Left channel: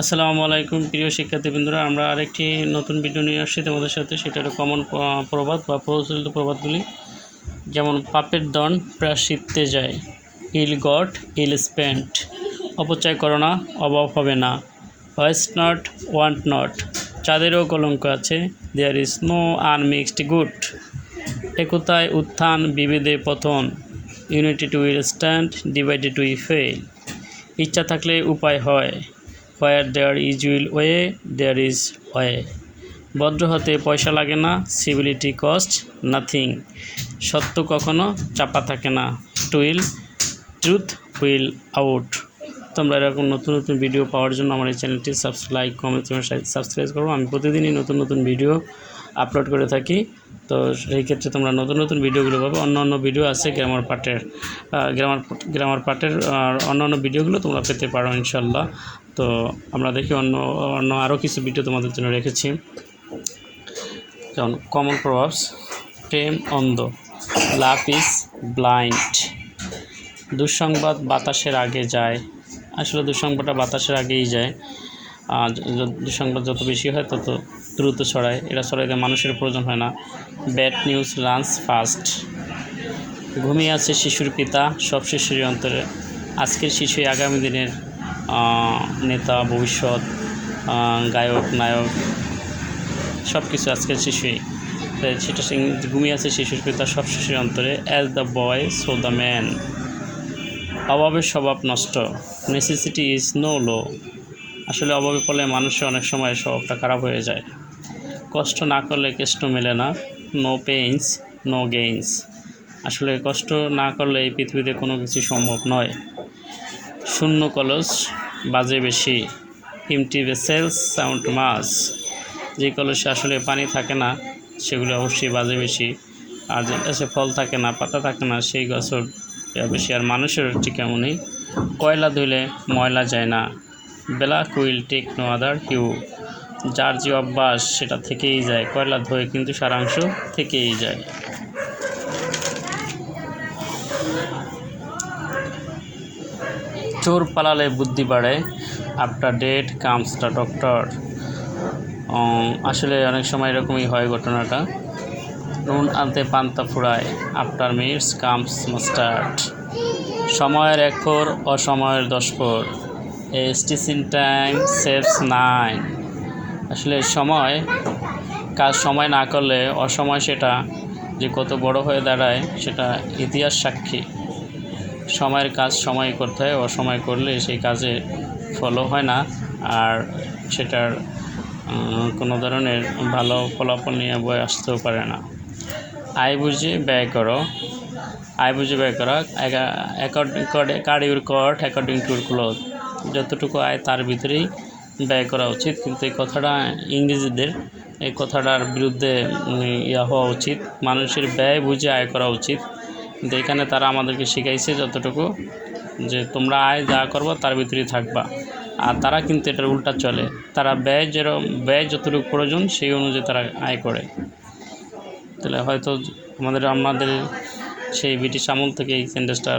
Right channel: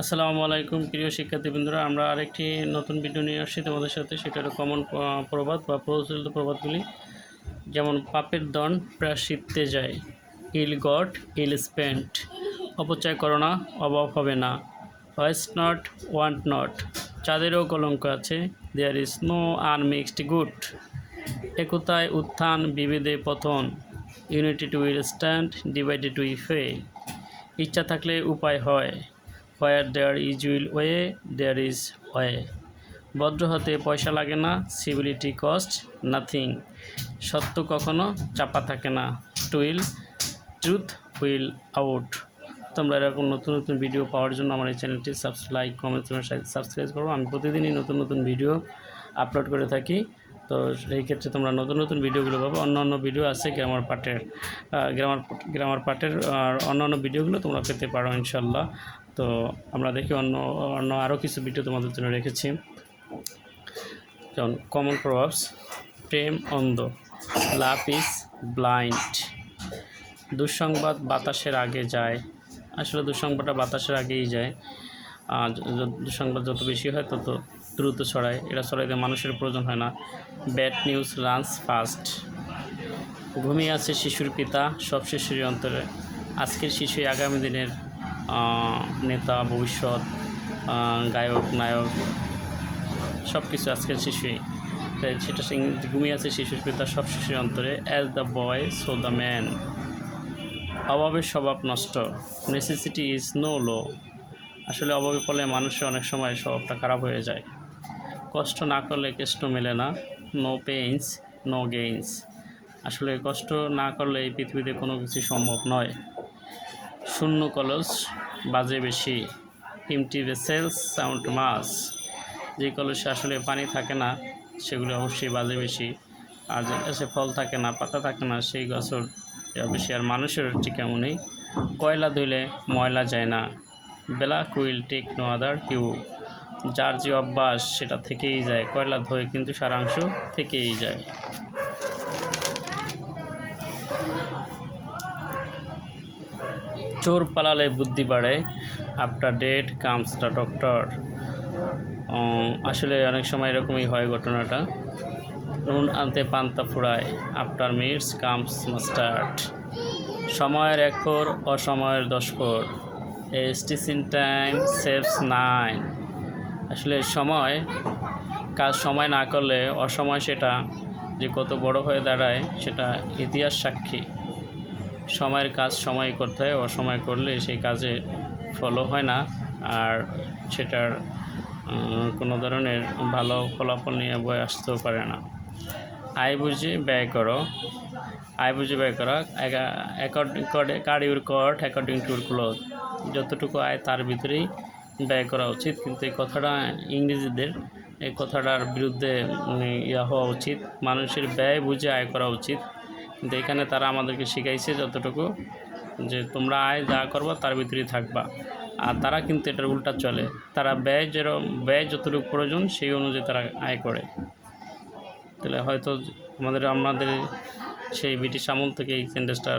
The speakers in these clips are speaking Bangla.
আসসালামু আলাইকুম প্রিয় শিক্ষার্থী শিক্ষার্থীবৃন্দরা, আমরা আরেকটি নতুন ভিডিও নিয়ে আসছি তোমাদের সাথে। সেটা হলো কমন প্রবাদ বা প্রচলিত প্রবাদগুলি। যেমন, পাপের দন প্রায়শ্চিত্তে যায়, ইল গট, ইল স্পেন্ট। অপচয় করো না, অভাব হবে না। Waste not, want not. চাঁদেরও কলঙ্ক আছে। There is no unmixed good. একতায় উত্থান বিভেদে পতন। Unity to will stand, divided we fall ইচ্ছা থাকলে উপায় হয়। Where there is will way there is way ভদ্র হতে পয়সা লাগে না সিভিলিটি কস্ট নাথিং সত্য কখনো চাপা থাকে না টুইল ট্রুথ উইল আউট তোমরা এরকম নতুন নতুন ভিডিও পাওয়ার জন্য আমার এই চ্যানেলটি সাবস্ক্রাইব কমেন্ট সাবস্ক্রাইব করো। আমি প্রতিদিনই নতুন নতুন ভিডিও আপলোড করে থাকি। তো সেই ক্ষেত্রে তোমরা নতুন নতুন ভিডিওগুলো পাবে। অন্য অন্য ভিডিও আছে গ্রামার পার্টের গ্রামার গ্রামার পার্টের আর অন্য অন্য ভিডিওগুলো তোমরা পেতে পারো ইনশাল্লাহ তো আমরা দেখি অন্য অন্য আরও কিছু ভিডিও তোমাদের জন্য রেখেছি। যেমন কমন প্রভাবস প্রেম অন্ধ লাভ ইজ ব্লাইন্ড দুঃসংবাদ বাতাসের আগে যায়। আসলে দুঃসংবাদটা বাতাসের আগেই যায়। য- যত বেশি হয় তত দ্রুত ছড়ায়। এটা ছড়াইতে মানুষের প্রয়োজন হয় না। Bad news lunch fast. ঘুমিয়ে আছে শিশুর পিতা, সব শিশুর অন্তরে। আজকের শিশুই আগামী দিনের নেতা, ভবিষ্যৎ গায়ক, নায়ক সব কিছু আজকের শিশুই। সেটা ঘুমিয়ে আছে শিশুর পিতা, সব শিশুর অন্তরে as the boy so the man অভাবের স্বভাব নষ্ট। নেসেসিটি ইজ নো লো আসলে অভাবে ফলে মানুষের অনেক সময় স্বভাবটা খারাপ হয়ে যায়। কষ্ট না করলে কেষ্ট মেলে না। নো পেইনস নো গেইনস আসলে কষ্ট না করলে এই পৃথিবীতে কোনো কিছু সম্ভব নয়। শূন্য কলস বাজে বেশি। ইমটি ভেসেলস সাউন্ড মাস যে কলসে আসলে পানি থাকে না, সেগুলো অবশ্যই বাজে বেশি। আর যে গাছে ফল থাকে না, পাতা থাকে না, সেই গাছের বেশি। আর মানুষের ঠিক কেমনই? কয়লা ধুলে ময়লা যায় না। Black will take no other hue যার যে অভ্যাস, সেটা থেকেই যায়। কয়লা ধুয়ে কিন্তু সারাংশ থেকেই যায়। চোর পালালে বুদ্ধি বাড়ে। After death comes the doctor. আসলে অনেক সময় এরকমই হয় ঘটনাটা। নুন আনতে পান্তা ফুরায়। After meets comes mustard. সময়ের এক ফোর অসময়ের দশ ফোর এস্টিসিন টাইম সেভস নাইন আসলে সময় কাজ সময় না করলে অসময় সেটা যে কত বড় হয়ে দাঁড়ায় সেটা ইতিহাস সাক্ষী। সময়ের কাজ সময় করতে হয়, অসময় করলে সেই কাজে ফলো হয় না আর সেটার কোনো ধরনের ভালো ফলাফল নিয়ে বই আসতেও পারে না। আয় বুঝে ব্যয় করো। আয় বুঝে ব্যয় করা according card according to cloth যতটুকু আয় তার ভিতরেই ব্যয় করা উচিত। কিন্তু এই কথাটা ইংরেজিদের, এই কথাটার বিরুদ্ধে ইয়া হওয়া উচিত। মানুষের ব্যয় বুঝে আয় করা উচিত। কিন্তু এখানে তারা আমাদেরকে শিখাইছে যতটুকু যে তোমরা আয় যা করবা তার ভিতরেই থাকবা। আর তারা কিন্তু এটার উল্টা চলে। তারা ব্যয় যেরকম ব্যয় যতটুকু প্রয়োজন সেই অনুযায়ী তারা আয় করে। তাহলে হয়তো আমাদের আমাদের সেই ব্রিটিশ আমল থেকে এই সেন্টেন্সটা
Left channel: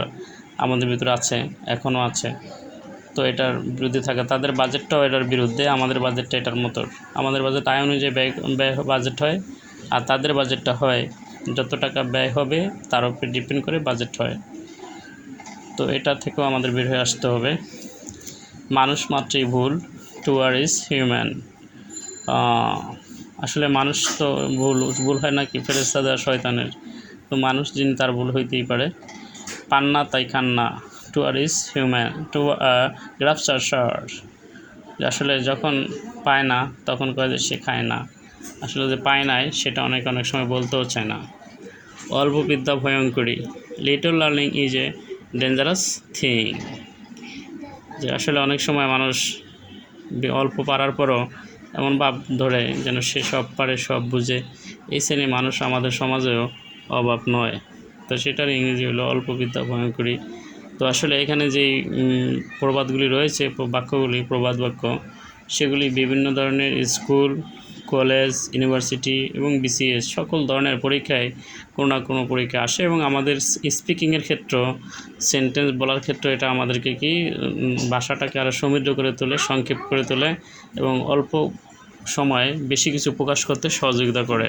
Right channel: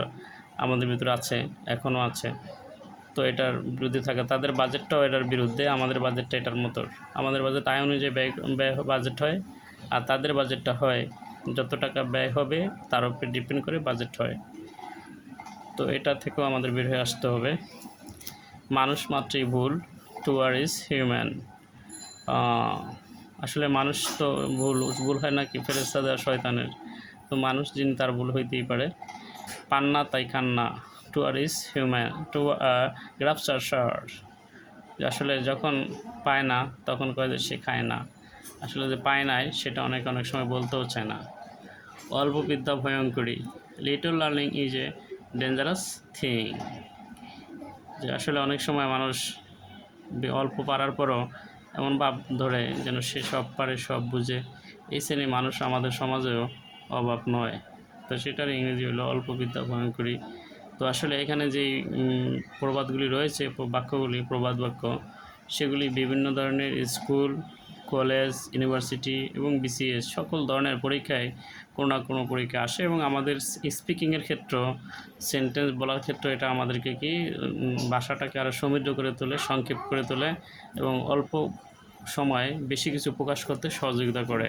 আমাদের ভিতরে আছে, এখনও আছে। তো এটার বিরুদ্ধে থাকে। তাদের বাজেটটাও এটার বিরুদ্ধে, আমাদের বাজেটটা এটার মতো। আমাদের বাজেট আয় অনুযায়ী ব্যয় ব্যয় বাজেট হয় আর তাদের বাজেটটা হয় যত টাকা ব্যয় হবে তার উপরে ডিপেন্ড করে বাজেট হয়। তো এটা থেকেও আমাদের বের হয়ে আসতে হবে। মানুষ মাত্রই ভুল, টু আর ইজ হিউম্যান। আসলে মানুষ তো ভুল ভুল হয় নাকি? ফেরেস্তাদা শয়তানের। তো মানুষ যিনি তার ভুল হইতেই পারে। পান্না তাই কান্না to err is human to grasp আর আসলে যখন পায় না, তখন কয় যে সে খায় না। আসলে যে পায় নাই, সেটা অনেক অনেক সময় বলতেও চায় না। অল্প বিদ্যা ভয়ঙ্করী। Little learning is a dangerous thing যে আসলে অনেক সময় মানুষ অল্প পারার পরও এমন ভাব ধরে যেন সে সব পারে, সব বুঝে। এই শ্রেণি মানুষ আমাদের সমাজেও অভাব নয়। তো সেটার ইংরেজি হলো অল্প বিদ্যা ভয়ঙ্করী। তো আসলে এখানে উম, প্রবাদগুলি রয়েছে বাক্যগুলি প্রবাদ বাক্য সেগুলি বিভিন্ন ধরনের স্কুল কলেজ ইউনিভার্সিটি এবং বিসিএস সকল ধরনের পরীক্ষায় কোনো না কোনো পরীক্ষা আসে এবং আমাদের স্পিকিংয়ের ক্ষেত্র সেন্টেন্স বলার ক্ষেত্রে এটা আমাদেরকে কি ভাষাটাকে আরও সমৃদ্ধ করে তোলে সংক্ষেপ করে তোলে এবং অল্প সময়ে বেশি কিছু প্রকাশ করতে সহযোগিতা করে।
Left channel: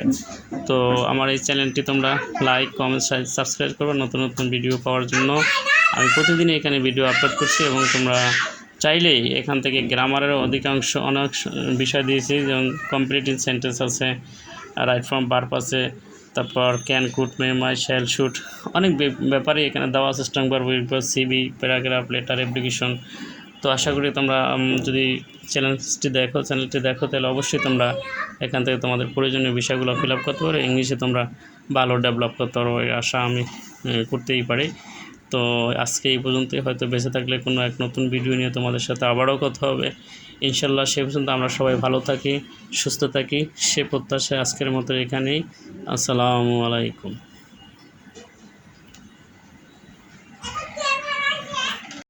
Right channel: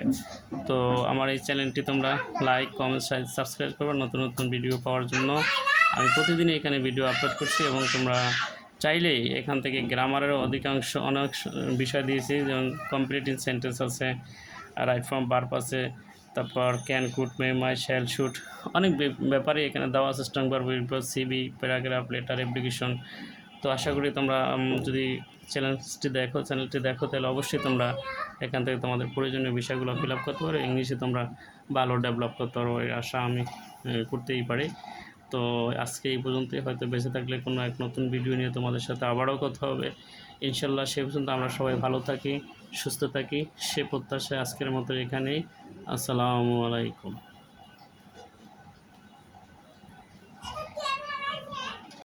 তো আমার এই চ্যানেলটি তোমরা লাইক কমেন্ট সাবস্ক্রাইব করবে নতুন নতুন ভিডিও পাওয়ার জন্য। আমি প্রতিদিনই এখানে ভিডিও আপলোড করছি এবং তোমরা চাইলেই এখান থেকে গ্রামারের অধিকাংশ অনেক বিষয় দিয়েছি, যেমন কম্পিটিটিভ সেন্টেন্স আছে রাইট ফ্রম বার্প আছে, তারপর ক্যান কুট মে মাই শ্যাল শুট অনেক ব্যাপারে এখানে দেওয়া সিস্টেম করব সিবি প্যারাগ্রাফ লেটার অ্যাপ্লিকেশন তো আশা করি তোমরা যদি চ্যানেলটি দেখো চ্যানেলটি দেখো, তাহলে অবশ্যই তোমরা এখান থেকে তোমাদের প্রয়োজনীয় বিষয়গুলো ফিল আপ করতে পারো। ইংলিশে তোমরা ভালো ডেভেলপ করতে পারো আশা আমি করতেই পারি। তো আজকে এই পর্যন্তই। হয়তো বেঁচে থাকলে কোনো এক নতুন ভিডিও নিয়ে তোমাদের সাথে আবারও কথা হবে। ইনশাল্লাহ সে পর্যন্ত আমরা সবাই ভালো থাকি, সুস্থ থাকি। সে প্রত্যাশায় আজকের মতো এখানেই। আসসালামু আলাইকুম।